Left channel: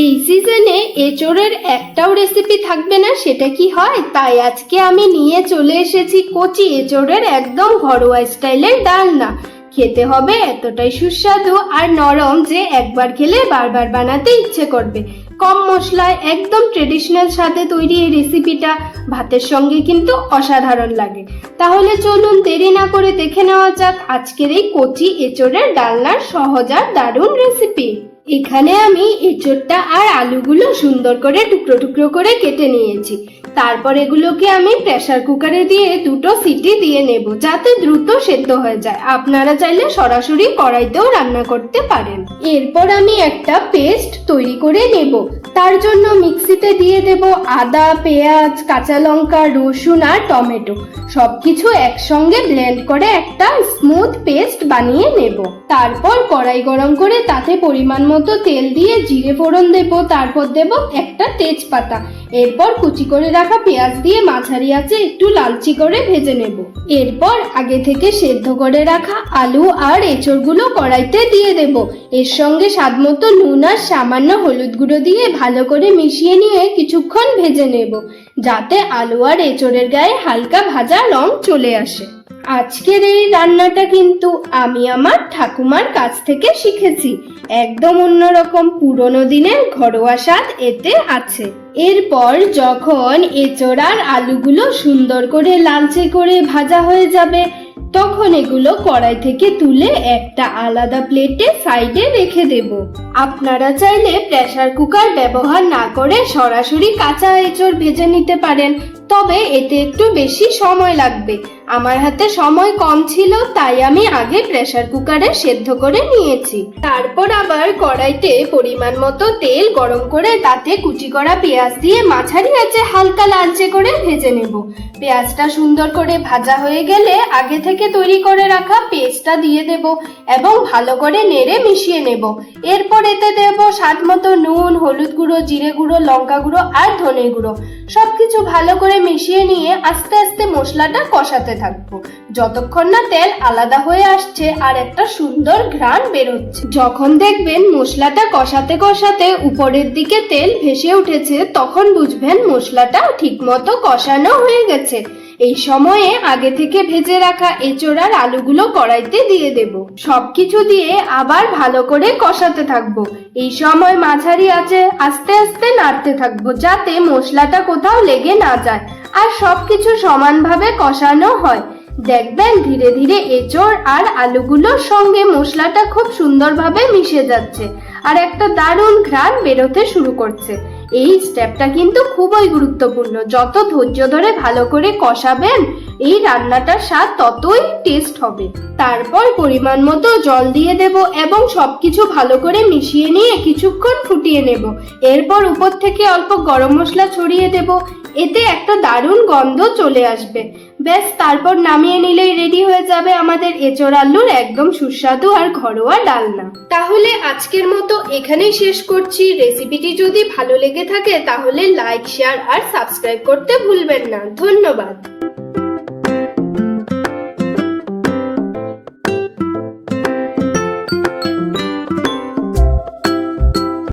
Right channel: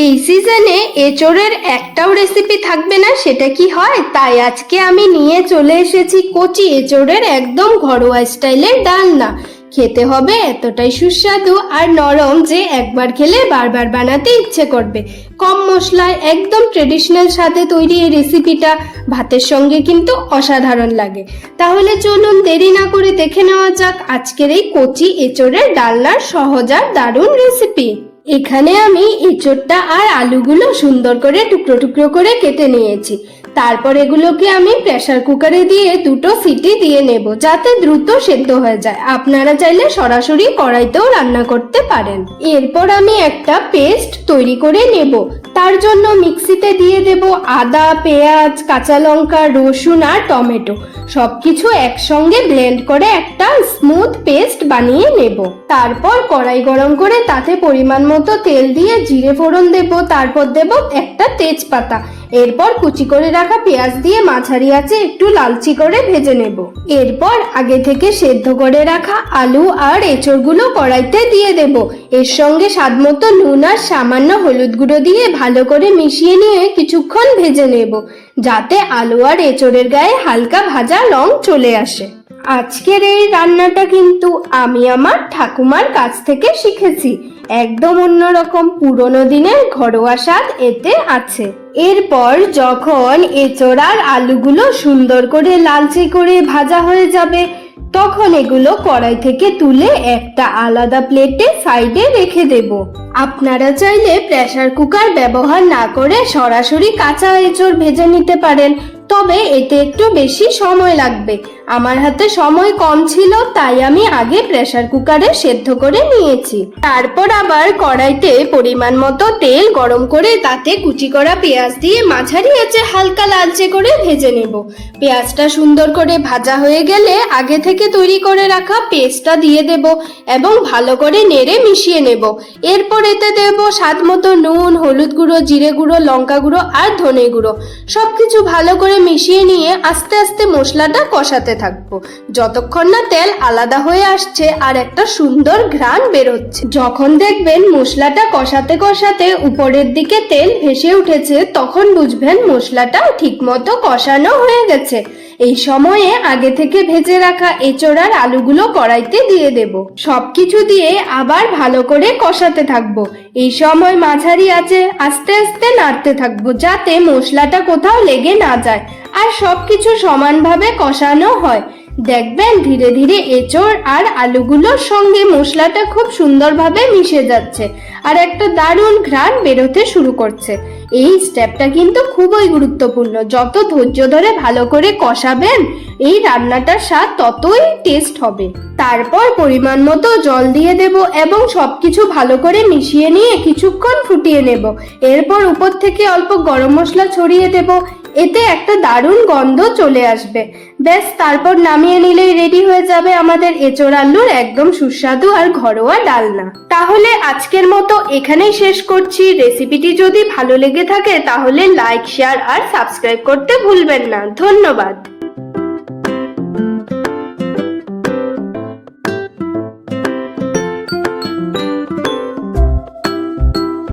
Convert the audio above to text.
এই সিজনে এঁচোড়ের একটাও রেসিপি থাকবে না, সেটা কি হয়? তাই আজকে আমি নিয়ে চলে এসেছি কচি এঁচোড়ের একদম ঘরোয়া স্টাইলের ডালনা। খেতে হবে এতটাই সুস্বাদু আর নরম যে একবার খেলে বারবার বানাতে ইচ্ছে করবে। কম মশলায় একদম ট্রেডিশনাল স্বাদে তৈরি এই রেসিপিটা ভাতের সঙ্গে কিন্তু অসাধারণ লাগে। তাহলে চলুন দেরি না করে দেখে নেওয়া যাক আজকের এই কচি এঁচোড়ের ডালনার সহজ আর দারুণ রেসিপি। এখানে আমি এঁচোড়টা আর আলুগুলো সুন্দর করে টুকরো টুকরো করে কেটে নিয়েছি। তারপর এগুলোকে আমি প্রেসার কুকারে দিয়ে দুটো সিটি দিয়ে নেব, যাতে দ্রুত সেদ্ধ হয়ে যায়। আপনারা চাইলে সরাসরি কড়াইতেও রান্না করতে পারেন। এরপর আমি একটা পেস্ট তৈরি করে নেব। তার জন্য মিক্সিতে দিয়ে দেব আদা, পেঁয়াজ, কাঁচা লঙ্কা, রসুন আর টমেটো। সবকিছু একসঙ্গে ব্লেন্ড করে একটা স্মুথ পেস্ট বানিয়ে নেব। তারপর কড়াই গরম করে তাতে পরিমাণ মতো তেল দিয়ে জিরে ফোড়ন দেব, তারপর দেব একটা তেজপাতা। এরপর কুচি করে রাখা পেঁয়াজ দিয়ে মাঝারি আঁচে একটু লালচি করে ভেজে নেব। এরপর আগে থেকে সেদ্ধ করে রাখা আলু আর এঁচড়গুলো কড়াইতে দিয়ে দেব। এর সঙ্গে স্বাদমতো নুন আর সামান্য হলুদ গুঁড়ো দিয়ে ভালো করে মিশিয়ে নিয়ে কিছুক্ষণ ভেজে নেব, যাতে আলু আর এঁচড়ের গায়ে হালকা ভাজা রং চলে আসে। আজকের এই রান্নাটা কিন্তু আমি আমার ঠাকুমার কাছ থেকে শিখেছি। একদম অন্যরকম পুরনো দিনের ঘরোয়া স্বাদ এতে আছে। এরপর যখন এঁচড় আর আলুগুলো সুন্দর করে লালচে করে ভাজা হয়ে যাবে, তখন এগুলো কড়াই থেকে তুলে একটা আলাদা প্লেটে সাইডে রেখে দেব। আপনারা চাইলে প্রেসার কুকার ব্যবহার না করে সরাসরি কাঁচা এঁচড় ভেজে নিতে পারেন, তবে এতে একটু বেশি সময় লাগবে। আমার হাতে সময় কম ছিল, তাই আমি আগে প্রেসার কুকারে সেদ্ধ করে নিয়েছি। তারপর আবার কড়াইতে পরিমাণ মতো তেল গরম করে তাতে কুচি করা পেঁয়াজ দিয়ে মাঝারি আঁচে হালকা লালচে করে ভেজে নেব। পেঁয়াজটা সুন্দর করে ভাজা হয়ে গেলে আগে থেকে তৈরি করে রাখা পেস্টটা দিয়ে দেব এবং ভালো করে নেড়ে মিশিয়ে নেব। এরপর এতে দেব স্বাদ মতো নুন, হলুদ গুঁড়ো, জিরে গুঁড়ো, লঙ্কা গুঁড়ো আর ধনে গুঁড়ো। সবকিছু ভালো করে মিশিয়ে নিয়ে আস্তে আস্তে মশলাটা কষাতে থাকবো, যতক্ষণ না তেল আলাদা হয়ে আসছে আর একটা সুন্দর ঘ্রাণ বেরোচ্ছে। যখন দেখবেন মশলাটা কষাতে কষাতে উপরের দিকে তেল ভেসে উঠেছে, তখন বুঝবেন মশলাটা ঠিকমতো কষানো হয়ে গেছে। এই সময়ে আগে থেকে ভেজে রাখা এঁচড় আর আলুগুলো কড়াইতে দিয়ে দেব। সবকিছু দিয়ে আবার ভালো করে কষাতে থাকবো। এই সময় মাঝারি আঁচে আস্তে আস্তে নাড়তে থাকবো, যাতে মশলাটা কোথাও লেগে না যায় আর সবকিছু সমানভাবে কষানো হয়। দেখবেন ধীরে ধীরে এঁচড় আর আলুগুলোর সঙ্গে মশলাটা খুব সুন্দরভাবে মিশে যাচ্ছে আর একটা দারুণ ঘ্রাণ বেরোতে শুরু করছে। এই স্টেপটা কিন্তু খুবই গুরুত্বপূর্ণ। যত ধৈর্য ধরে ভালো করে কষাবেন, এই রান্নাটার স্বাদ ততই টেস্ট হবে। তারপর পরিমাণ মতো জল দিয়ে দেব এবং সবকিছু ভালো করে মিশিয়ে নিয়ে কিছুক্ষণ ফুটিয়ে নেব। এরপর উপর থেকে অল্প গরম মশলা ছড়িয়ে দেব। এতে একটা দারুণ গন্ধ চলে আসবে। ব্যাস, তারপর নামিয়ে নিলেই রেডি হয়ে যাবে আমাদের এঁচড় আলুর একদম সুস্বাদু আর ঘরোয়া ডালনা। তাহলে আজকের মতো এখানেই শেষ করছি। রেসিপিটি যদি ভালো লেগে থাকে তাহলে লাইক, শেয়ার আর সাবস্ক্রাইব করতে ভুলবেন না। ধন্যবাদ।